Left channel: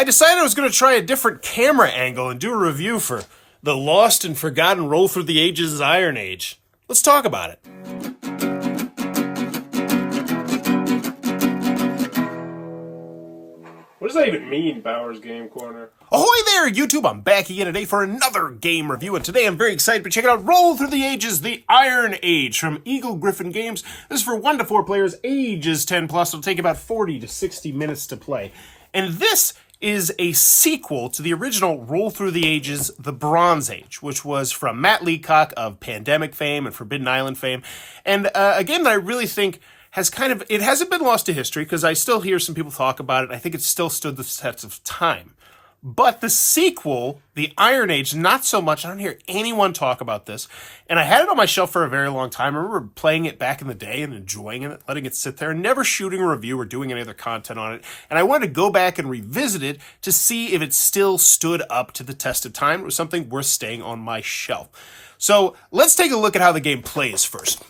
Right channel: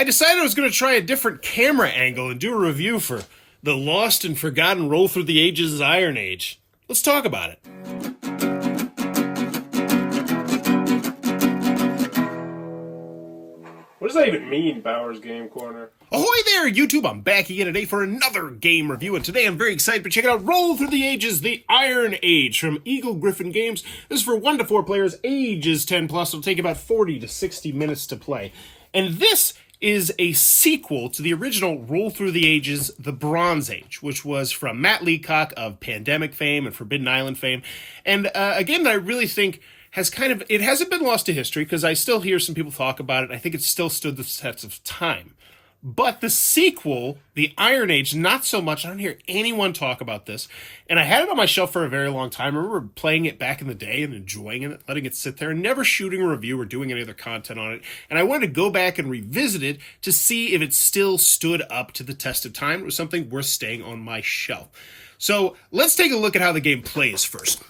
I decided I was going to try a different camera angle and do a review for the lost and forgotten Roll Through the Ages Iron Age. Let's talk about it. What does that even mean, Bowers Game Corner? Ahoy there, YouTube! I'm back again today for another game review, and today I'm very excited to check out Roll Through the Ages, the Iron Age from Eagle Gryphon Games. This is for 1 to 4 players, ages 10 plus. It'll take about 40 to 60 minutes to play. And this is a sequel to the original Roll Through the Ages, The Bronze Age, which was from Matt Leacock of Pandemic fame and Forbidden Island fame. And a game that I really think it hasn't been lost to history, because I still hear some people talk about it. I think it still stood the test of time. But the sequel, the Iron Age, not so much. I don't hear anyone talk about this. And I had it on my shelf for a very long time. I remember playing it back in the day and enjoying it, letting it sit there, and never shooting a review or doing any other content on it. And I wanted to go back and revisit it to see if it still stood up to the test of time. It was something worth staying on my shelf. So let's take a look at how the game plays first.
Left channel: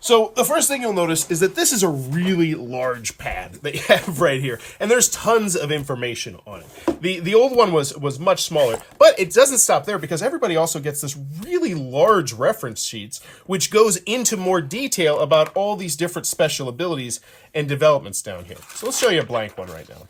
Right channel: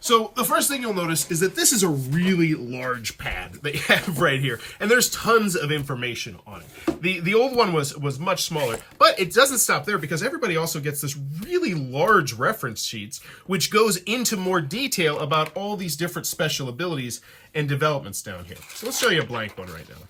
So the first thing you'll notice is that this is a really large pad that you have right here, and there's tons of information on it. The old one was much smaller, but it doesn't stop there, because everybody also gets this really large reference sheets, which goes into more detail about all these different special abilities and developments down here. So let's show you a blank one right now.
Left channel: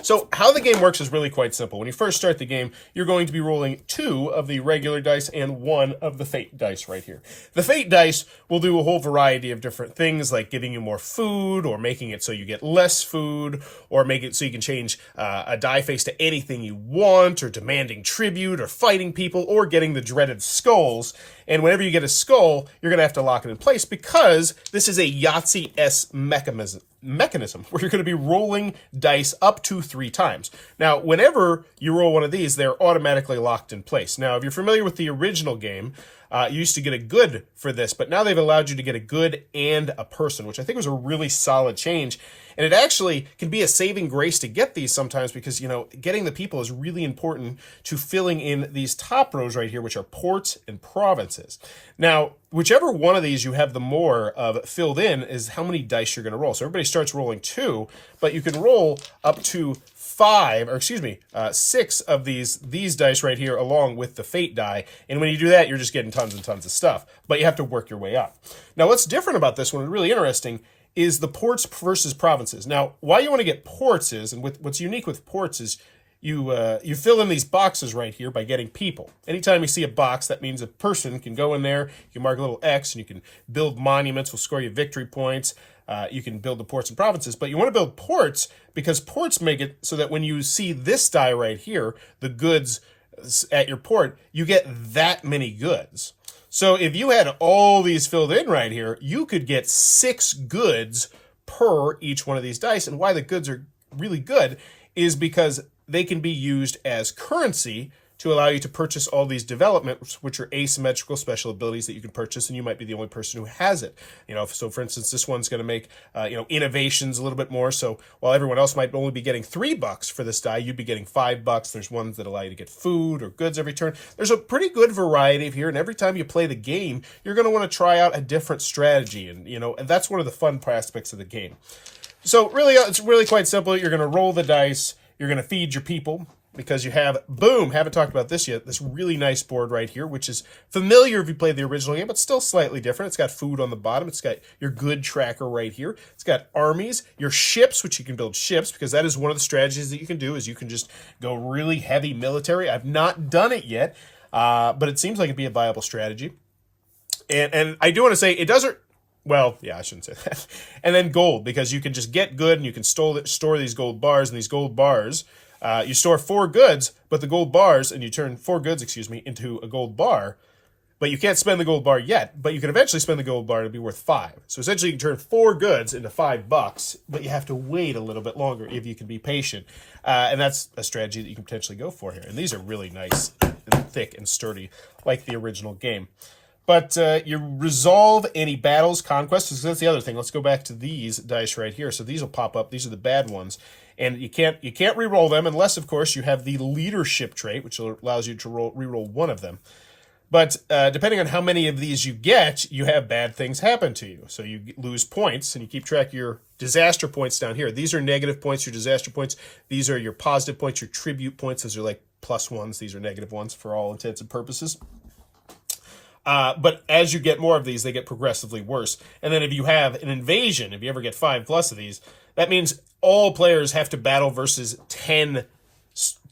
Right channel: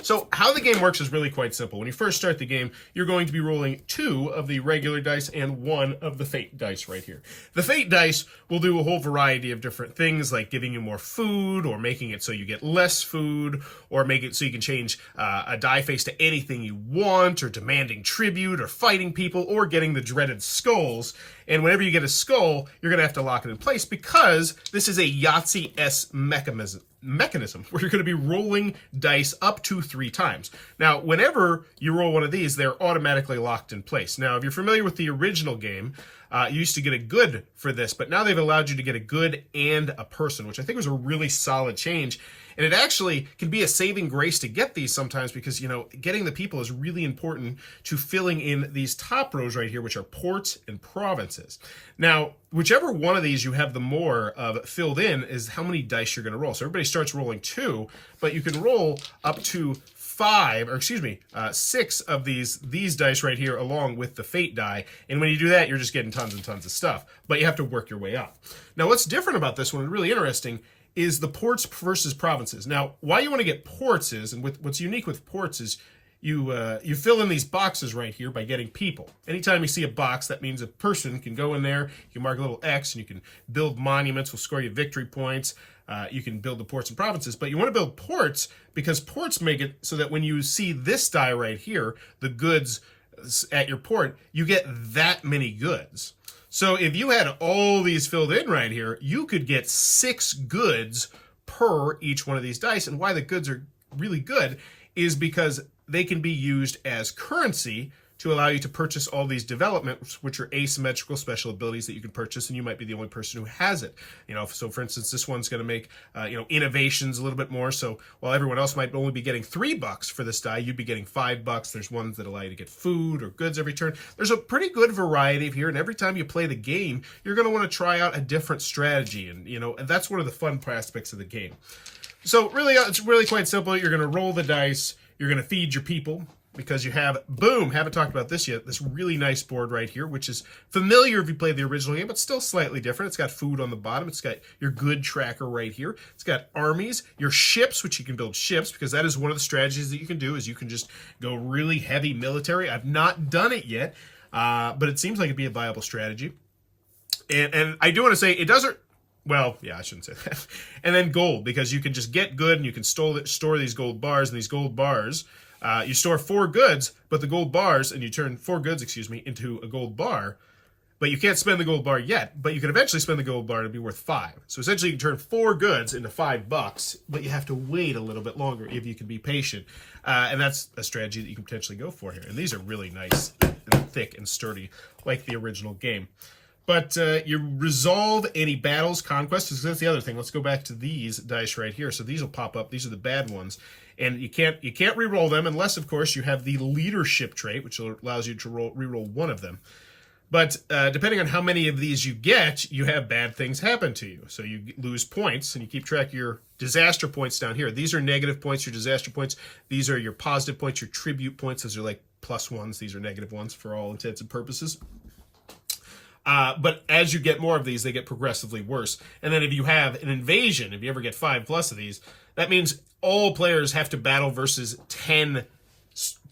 So how the game works is really quite simple. When you first start the game, you're going to be rolling 2 of the regular dice and 1 of the fate dice right here. The fate dice will do a whole variety of different things, like giving you more food, or making it so you get less food, or make it so you can change a die face to anything you want, or demanding tribute, or fighting people, or getting the dreaded skulls. And whenever you get a skull, you're going to have to lock it in place, because this is a Yahtzee-esque mechanism where you're going to be rolling dice up to 3 times. Now, whenever you roll one of these, they're automatically locked in place. Now, if you're familiar with the original game, you used to get a good for this, but now they've allowed you to get a good and a person, which I think was a really solid change. And it actually can be a saving grace to get these sometimes, because, you know, getting the people is really important to filling in these top rows right here, which are ports and provinces. Now, whichever one of these you have the more of filled in is how many dice you're going to roll. So everybody starts rolling 2, but you can roll up to 6 of these dice right here, along with the fate die. And when you do that, you're just getting tons and tons of stuff, but you have to work your way up. Now, what's different about this one, and really interesting, is the ports versus provinces. Now, why you want to get ports is, and what's unique with ports is, you fill in these boxes right here by getting people. Anytime you see a box, that means a person can go in there, you can mark a little X, and you can build monuments, will score you victory points. You can build the ports and provinces, but you want to build ports because ports make it so that when you see this die right here, the goods at your port, you get that many goods. So if you had all these filled in right here, you could get 6 goods per each one of these dice. And why the goods are really good is because they can be used as currency to allow you to purchase all these developments, which are asymmetrical special abilities that you can purchase, and you might be the only person who has it. You know, so for instance, this one's going to make innovations a little bit more. So while everyone else might only be getting $3 for this die, you'd be getting $5. There's ones that allow you to get food or goods every turn. There's a pretty good variety here, and every time you play the game, you're going to want to try out a different strategy, and that's one of the fun aspects of the game. So really, it's really quite simple. You're going to roll the dice. You're going to feed your people, because you have, boom, haven't talked about this yet, this really nice board right here, which is familiar if you played the original game, but still slightly different. It's got food on the bottom. It's got your good tracker right here. It's got armies, your ships, which you can build ships, because that is one of the strategies that you can do, is you can just go really heavy military. I've not done it yet, but it seems like it'd be a viable strategy. And I do want to say, it doesn't, well, yeah, I shouldn't say that. And then gold, because you can just get good, and you can store these gold bars, and these gold bars, you store 4 goods, but the gold bars, and you turn 4 goods, into a gold bar, but you can't spend the gold bar yet, but you can eventually spend the gold bar to be worth 5. So essentially you can turn 4 goods into $5, but you have to wait a little bit longer if you can be patient. And that's a strategy that you can potentially go for here. And these are really nice and thick and sturdy, like the original game. But you resolve any battles, conquests, because that's the other thing. Let's go back to these dice right here. So these will pop up. These are the bad ones. And you can't re-roll them unless, of course, you have the leadership trait, which allows you to re-roll one of them. But depending on how many of these you get, you have bad things happen to you. So you lose points, and you keep track of your disaster points down here. These are negative points, your disaster points. These are your positive points, your tribute points. Those are like plus ones. These are negative ones for all intents and purposes. But as you get more of these, they get progressively worse. And then if you have an invasion, if you ever get 5+ of these, that means all players have to battle versus 10.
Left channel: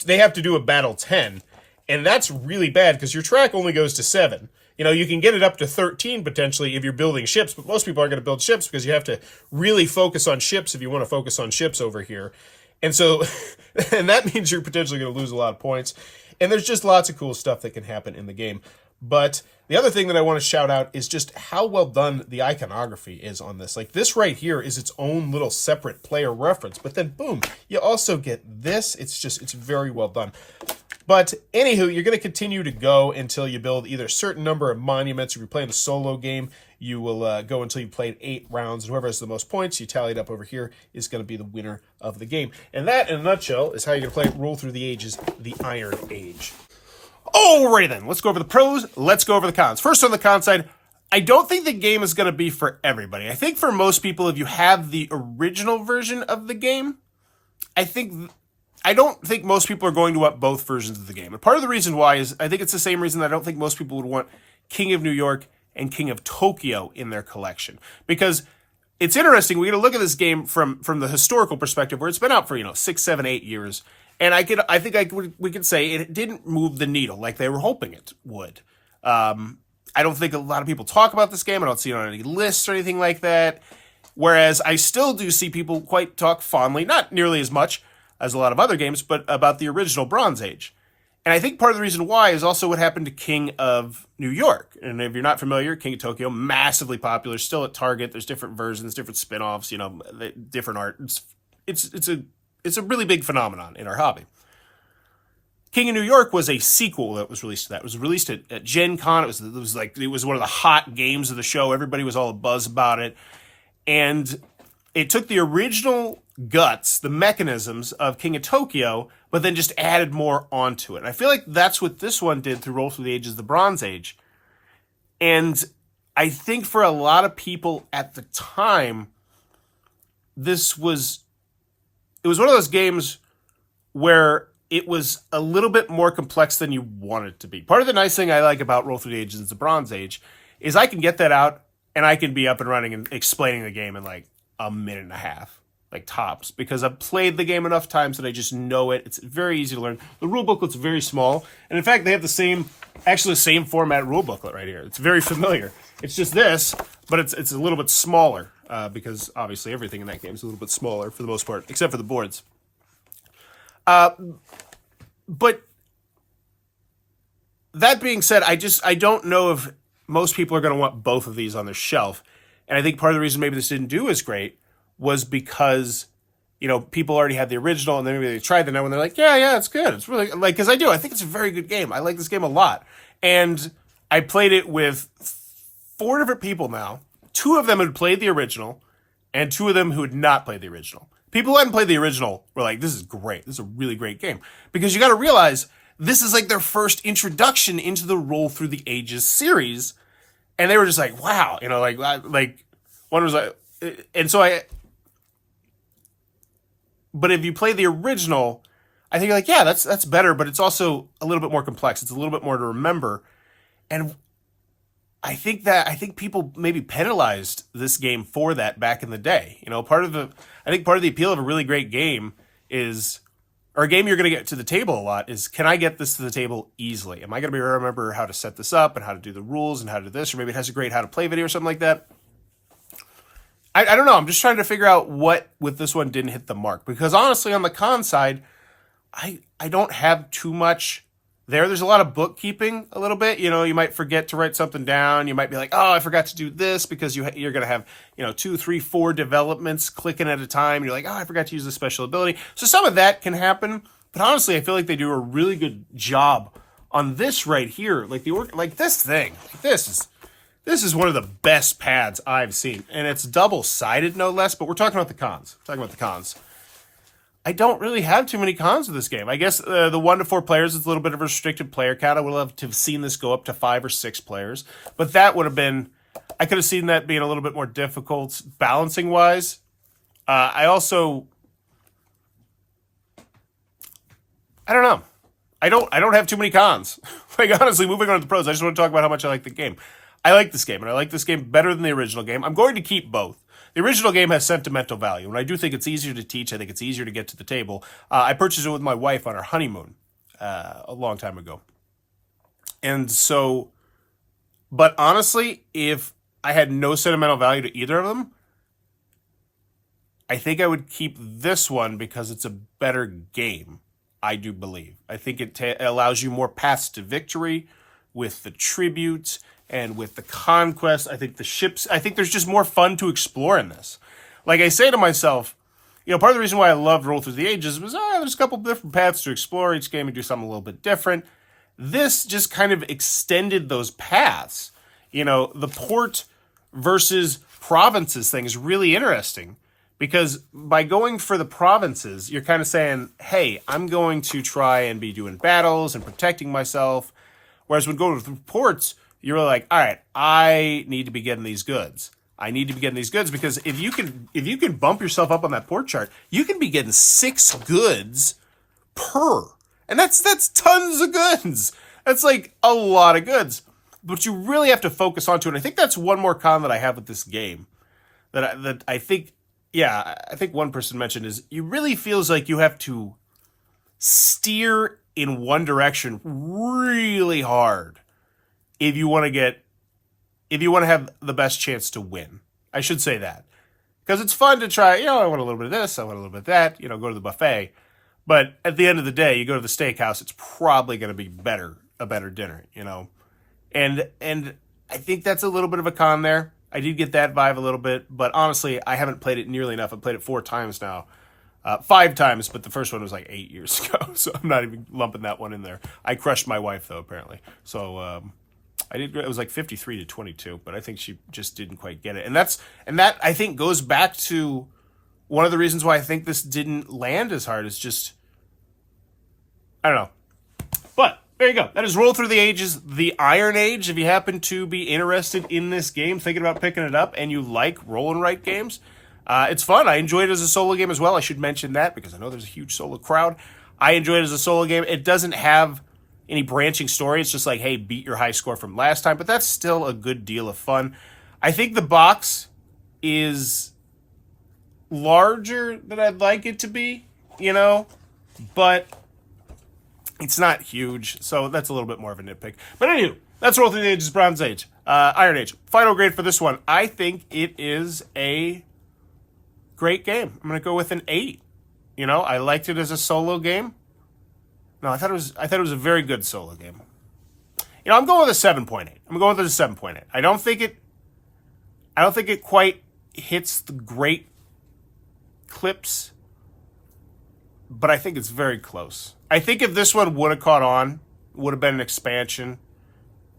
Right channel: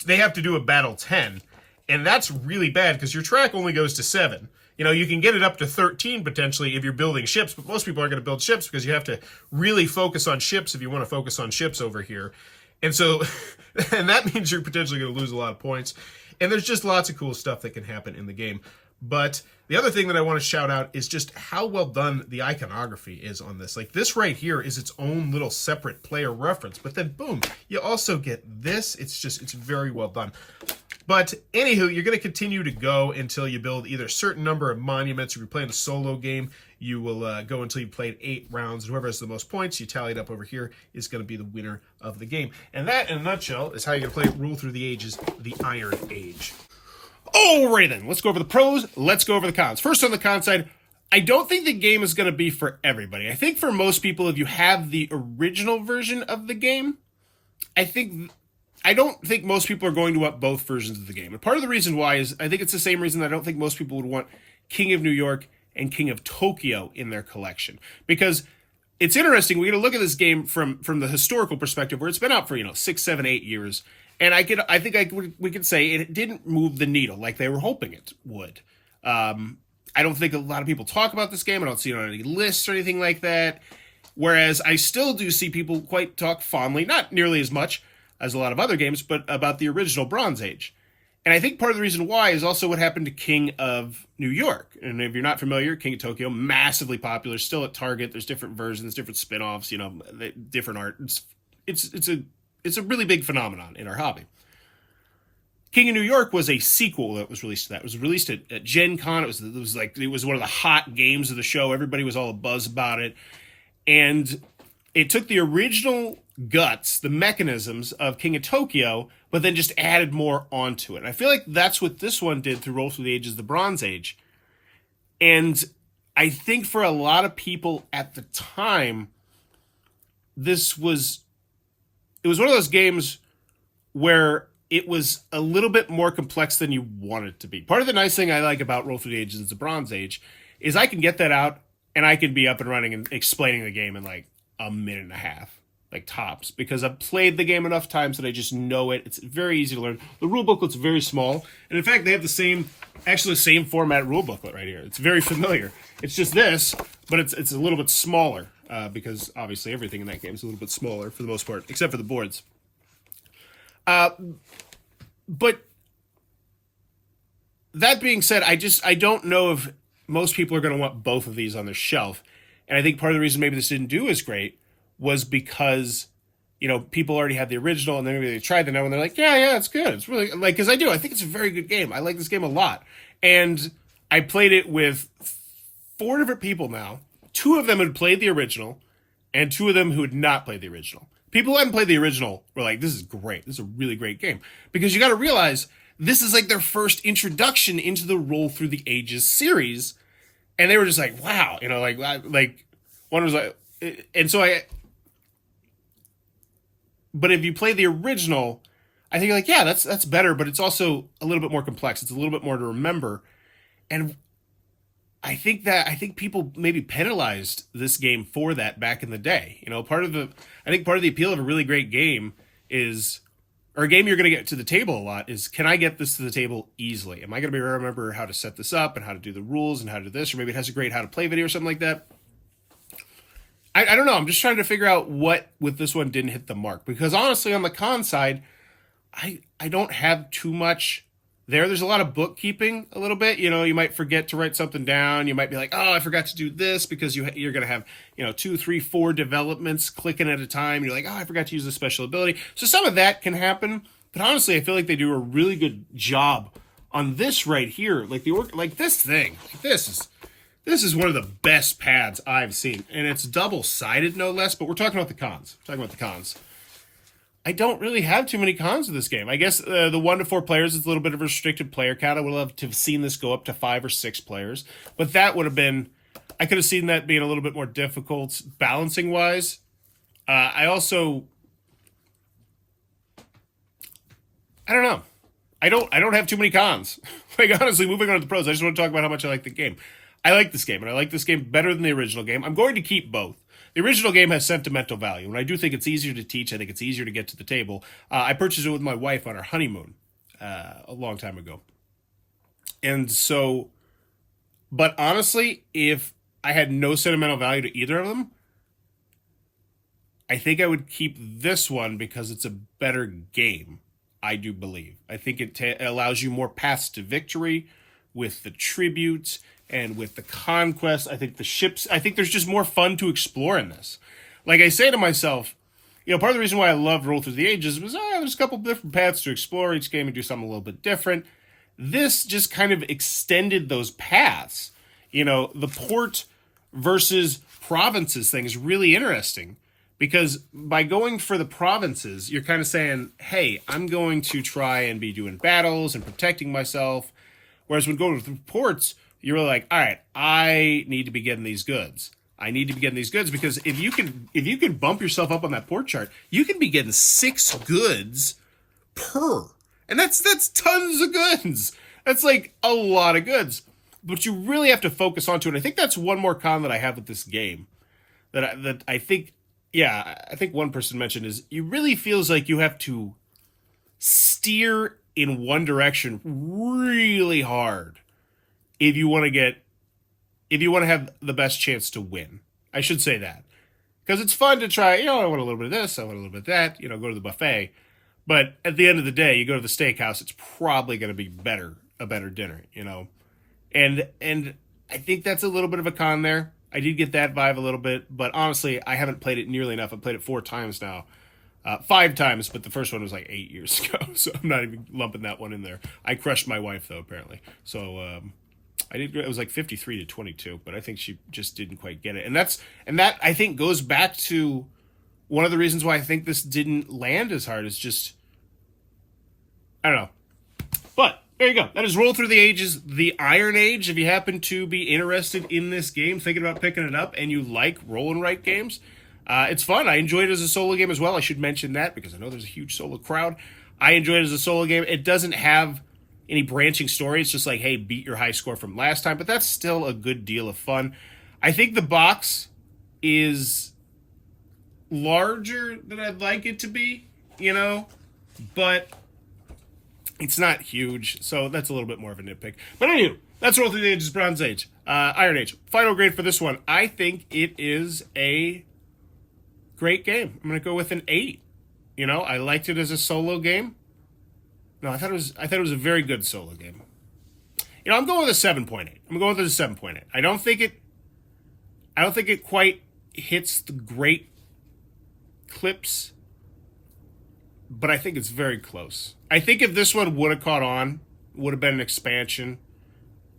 They have to do a battle 10. And that's really bad because your track only goes to 7. You know, you can get it up to 13 potentially if you're building ships, but most people aren't going to build ships because you have to really focus on ships if you want to focus on ships over here. And so, and that means you're potentially going to lose a lot of points. And there's just lots of cool stuff that can happen in the game. But the other thing that I want to shout out is just how well done the iconography is on this. Like this right here is its own little separate player reference. But then boom, you also get this. It's very well done. But anywho, you're going to continue to go until you build either a certain number of monuments. If you're playing a solo game, you will go until you've played 8 rounds. And whoever has the most points, you tally it up over here, is going to be the winner of the game. And that, in a nutshell, is how you're going to play Rule Through the Ages, the Iron Age. Alrighty then, let's go over the pros, let's go over the cons. First on the con side, I don't think the game is going to be for everybody. I think for most people, if you have the original version of the game, I don't think most people are going to want both versions of the game. And part of the reason why is I think it's the same reason that I don't think most people would want King of New York and King of Tokyo in their collection. Because it's interesting, we're going to look at this game from the historical perspective where it's been out for, 6, 7, 8 years. And we could say it didn't move the needle like they were hoping it would. I don't think a lot of people talk about this game. I don't see it on any lists or anything like that. Whereas I still do see people talk fondly, not nearly as much as a lot of other games, but about the original Bronze Age. And I think part of the reason why is also what happened to King of New York. And if you're not familiar, King of Tokyo, massively popular, still at Target. There's different versions, different spin-offs, different art. It's a really big phenomenon in our hobby. King of New York was a sequel that was released to that. It was released at Gen Con. It was one of the hot games of the show. Everybody was all abuzz about it. And it took the original guts, the mechanisms of King of Tokyo, but then just added more onto it. And I feel like that's what this one did through Roll Through the Ages, the Bronze Age. And I think for a lot of people at the time, it was one of those games where it was a little bit more complex than you want it to be. Part of the nice thing I like about Roll Through the Ages, the Bronze Age, is I can get that out and I can be up and running and explaining the game in like a minute and a half, like tops, because I've played the game enough times that I just know it. It's very easy to learn. The rule booklet's very small, and in fact, they have the same format rule booklet right here. It's very familiar. It's just this, but it's a little bit smaller because obviously everything in that game is a little bit smaller for the most part, except for the boards. But that being said, I don't know if most people are going to want both of these on their shelf. And I think part of the reason maybe this didn't do as great was because, people already had the original and then maybe they tried the new one and they're like, yeah, it's good. It's really, because I think it's a very good game. I like this game a lot. And I played it with 4 different people now. 2 of them had played the original and 2 of them who had not played the original. People who hadn't played the original were like, this is great. This is a really great game. Because you got to realize this is like their first introduction into the Roll Through the Ages series. And they were just like, wow, like one was like, and so but if you play the original, I think like, yeah, that's better, but it's also a little bit more complex. It's a little bit more to remember. And I think people maybe penalized this game for that back in the day. Part of the appeal of a really great game is, or a game you're going to get to the table a lot is, can I get this to the table easily? Am I going to be able to remember how to set this up and how to do the rules and how to do this? Or maybe it has a great how to play video or something like that. I don't know. I'm just trying to figure out what with this one didn't hit the mark. Because honestly, on the con side, I don't have too much there. There's a lot of bookkeeping a little bit. You might forget to write something down. You might be like, oh, I forgot to do this, because you're going to have, 2, 3, 4 developments clicking at a time. You're like, oh, I forgot to use the special ability. So some of that can happen. But honestly, I feel like they do a really good job on this right here. Like this thing. This is one of the best pads I've seen. And it's double-sided, no less. But we're talking about the cons. I don't really have too many cons with this game. I guess the 1 to 4 players is a little bit of a restricted player count. I would love to have seen this go up to 5 or 6 players, but that would have been, I could have seen that being a little bit more difficult balancing wise. I don't know. I don't have too many cons. Like, honestly, moving on to the pros, I just want to talk about how much I like the game. I like this game, and I like this game better than the original game. I'm going to keep both. The original game has sentimental value, and I do think it's easier to teach. I think it's easier to get to the table. I purchased it with my wife on our honeymoon a long time ago. And so, but honestly, if I had no sentimental value to either of them, I think I would keep this one because it's a better game, I do believe. I think it allows you more paths to victory with the tributes and with the conquest. I think the ships, I think there's just more fun to explore in this. Like I say to myself, part of the reason why I loved Roll Through the Ages was, there's a couple different paths to explore each game and do something a little bit different. This just kind of extended those paths. The port versus provinces thing is really interesting because by going for the provinces, you're kind of saying, hey, I'm going to try and be doing battles and protecting myself. Whereas when going through ports, you're like, all right, I need to be getting these goods. I need to be getting these goods because if you can bump yourself up on that port chart, you can be getting 6 goods per. And that's tons of goods. That's like a lot of goods. But you really have to focus onto it. And I think that's one more con that I have with this game. That I think one person mentioned is it really feels like you have to steer in one direction really hard if you want to have the best chance to win. I should say that. Because it's fun to try, I want a little bit of this, I want a little bit of that, go to the buffet. But at the end of the day, you go to the steakhouse, it's probably going to be a better dinner, And I think that's a little bit of a con there. I did get that vibe a little bit, but honestly, I haven't played it nearly enough. I've played it 4 times now. 5 times, but the first one was like 8 years ago, so I'm not even lumping that one in there. I crushed my wife, though, apparently. So, it was like 53 to 22, but I think she just didn't quite get it. And that I think goes back to one of the reasons why I think this didn't land as hard is just, I don't know. But there you go. That is Roll Through the Ages, the Iron Age. If you happen to be interested in this game, thinking about picking it up, and you like roll and write games, it's fun. I enjoyed it as a solo game as well. I should mention that because I know there's a huge solo crowd. I enjoyed it as a solo game. It doesn't have any branching story. It's just like, hey, beat your high score from last time, but that's still a good deal of fun. I think the box is larger than I'd like it to be, but it's not huge, so that's a little bit more of a nitpick. But anyway, that's Roll Through the Ages, Bronze Age, Iron Age. Final grade for this one, I think it is a great game. I'm going to go with an 8. I liked it as a solo game. No, I thought it was a very good solo game. I'm going with a 7.8. I'm going with a 7.8. I don't think it quite hits the great clips, but I think it's very close. I think if this one would have caught on, would have been an expansion.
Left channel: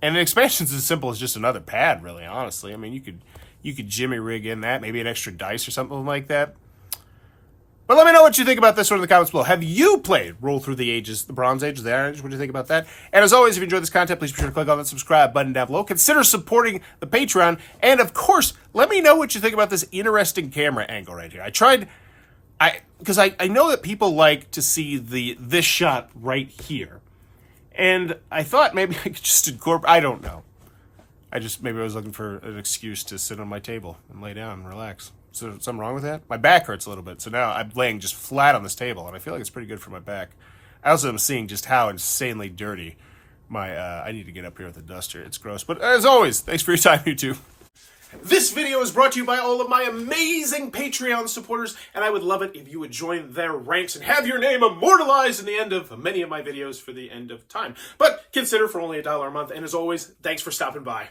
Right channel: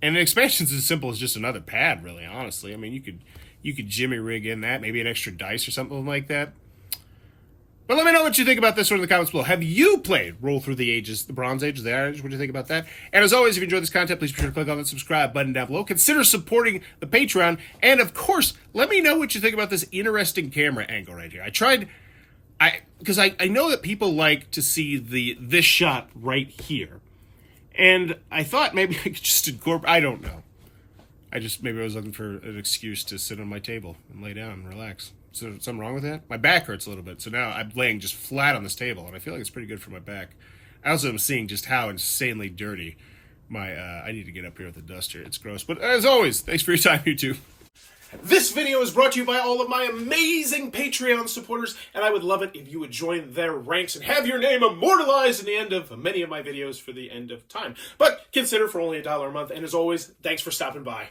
And an expansion's as simple as just another pad, really, honestly. I mean, you could jimmy rig in that, maybe an extra dice or something like that. But let me know what you think about this one in the comments below. Have you played Roll Through the Ages, the Bronze Age, the Iron Age? What do you think about that? And as always, if you enjoyed this content, please be sure to click on that subscribe button down below. Consider supporting the Patreon. And of course, let me know what you think about this interesting camera angle right here. Because I know that people like to see this shot right here. And I thought maybe I could just incorporate, I don't know. Maybe I was looking for an excuse to sit on my table and lay down and relax. Is there something wrong with that? My back hurts a little bit, so now I'm laying just flat on this table, and I feel like it's pretty good for my back. I also am seeing just how insanely dirty I need to get up here with the duster. It's gross. But as always, thanks for your time, YouTube. This video is brought to you by all of my amazing Patreon supporters, and I would love it if you would join their ranks and have your name immortalized in the end of many of my videos for the end of time. But consider for only $1 a month, and as always, thanks for stopping by.